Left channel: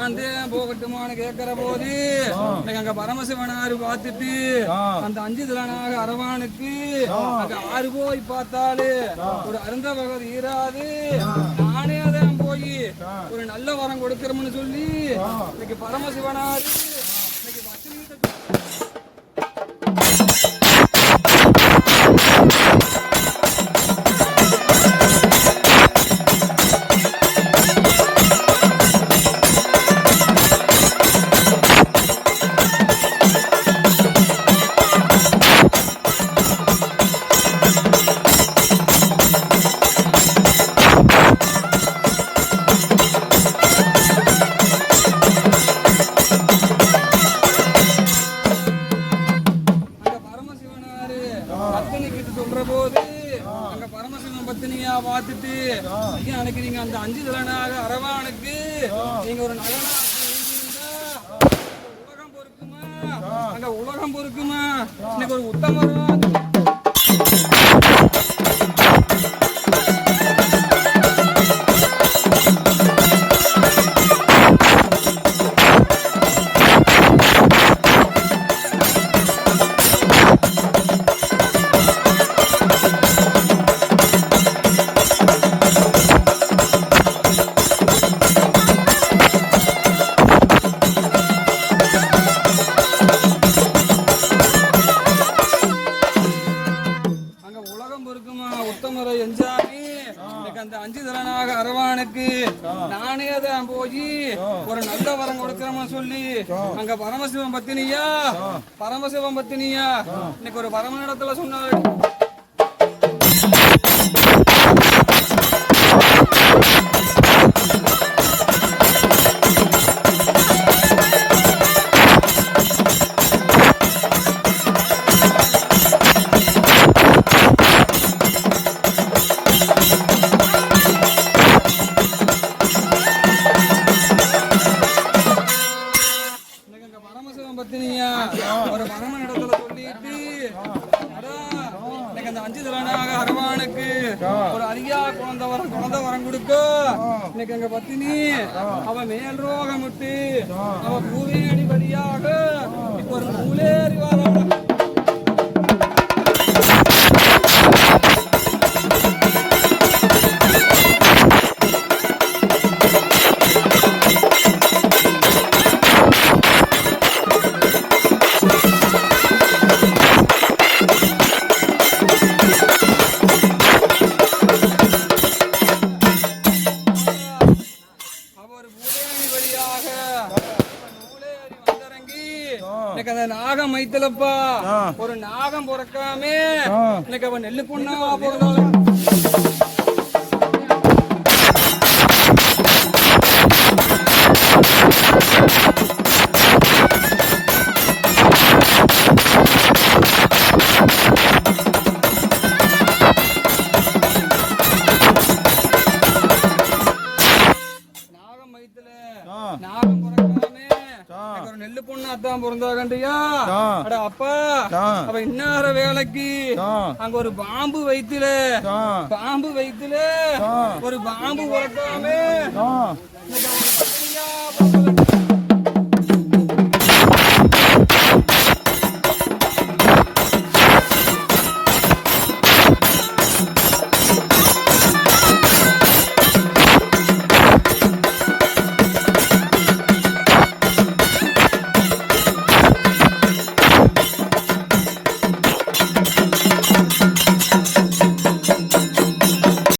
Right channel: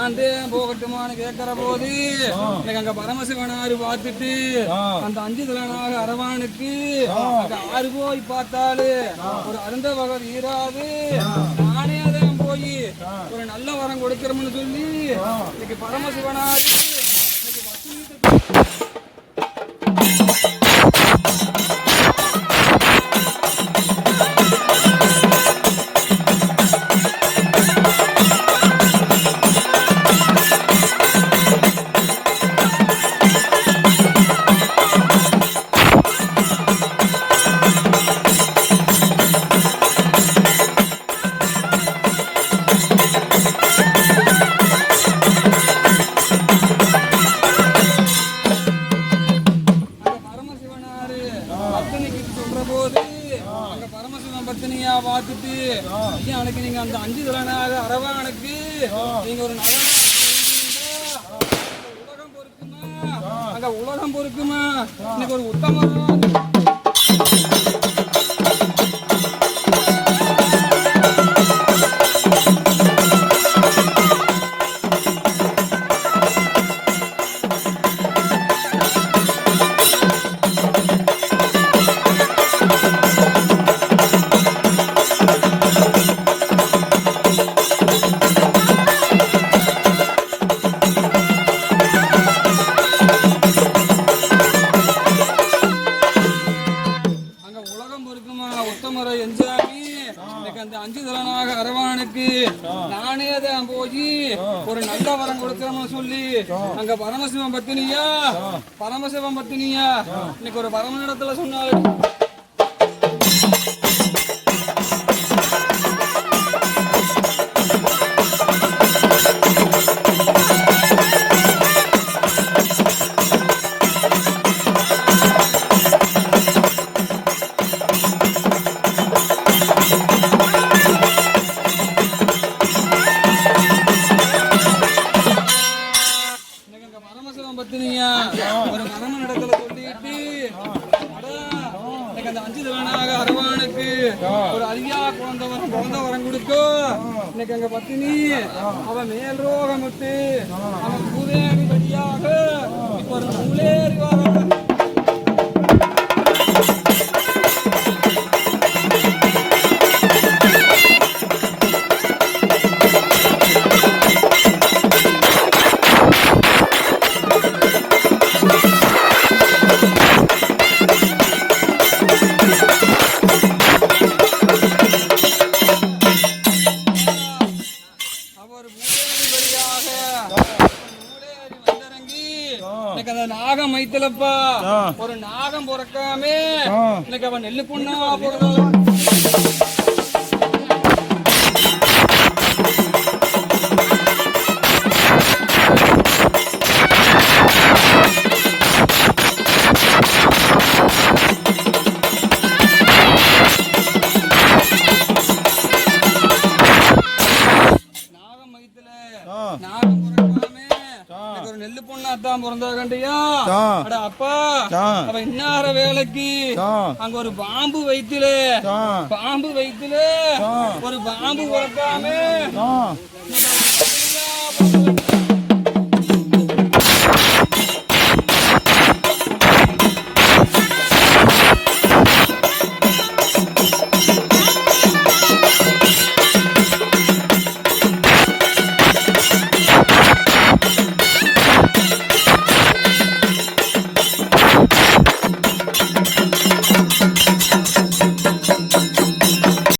நான் போகட்டுமான்னு கேட்கிற போது அங்க பரமசிவனாரு பார்த்துட்டு அந்த 5 திலனாக அரவானுக்கு அங்க 6 போய் பார்த்தாலு ஒரு அருந்த வகை ஈராது. நானே அதான் போய் ஒரு நல்ல வரம் கொடுக்கிறோம்னு சொல்லி இன்னைக்கு பரமசிவனாரு இன்னைக்கு வசீகத்தை சொல்ற போது அங்க பரமசிவன் பத்தினியா பார்த்துட்டு எனக்கு நீங்க அந்த 5 திலனாக அரவானுக்கு நீங்க ஒரு நல்ல உலகம் பொறுக்குமா, அங்க உலகம் பொறுக்குமா, இன்னைக்கு ஒரு உத்தமரம் உத்தமரை எஞ்சாமி அந்த 5 திலனாக அரவானுக்கு நானே தான் போய் ஒரு நல்ல வரம் கொடுக்கிறோம்னு சொல்லி அங்க பரமசிவன் பத்தினியா இன்னைக்கு ஒரு பரம இடத்துல சொன்னாரு. ஒரு பரமன் இடத்துல சொல்லிட்டு அந்த 5 திலனாக அரவானுக்கு ஒரு அரியா குழந்தை வரம் கொடுத்தோ. இன்னைக்கு அங்க பத்தினி அவன் மேல் ரோகம் விட்டு அவன் பூவேணி வழியாக இப்ப ஒரு நூலேறி வர நாகம் மைத்தலப்பா ஒரு நாகம் பொறுக்காமே இன்னைக்கு அவன் நெல்லு பொண்ணா போறதால நாகம் மைத்தல நாகம் ஒரு நெல்லு பொண்ணாத்தான் பிறந்தா கண்டியா அப்பா அவன் இன்னார வேலைக்கு அங்க ஒரு பாம்பு வயித்துல ஒரு பாம்பு உறக்காமே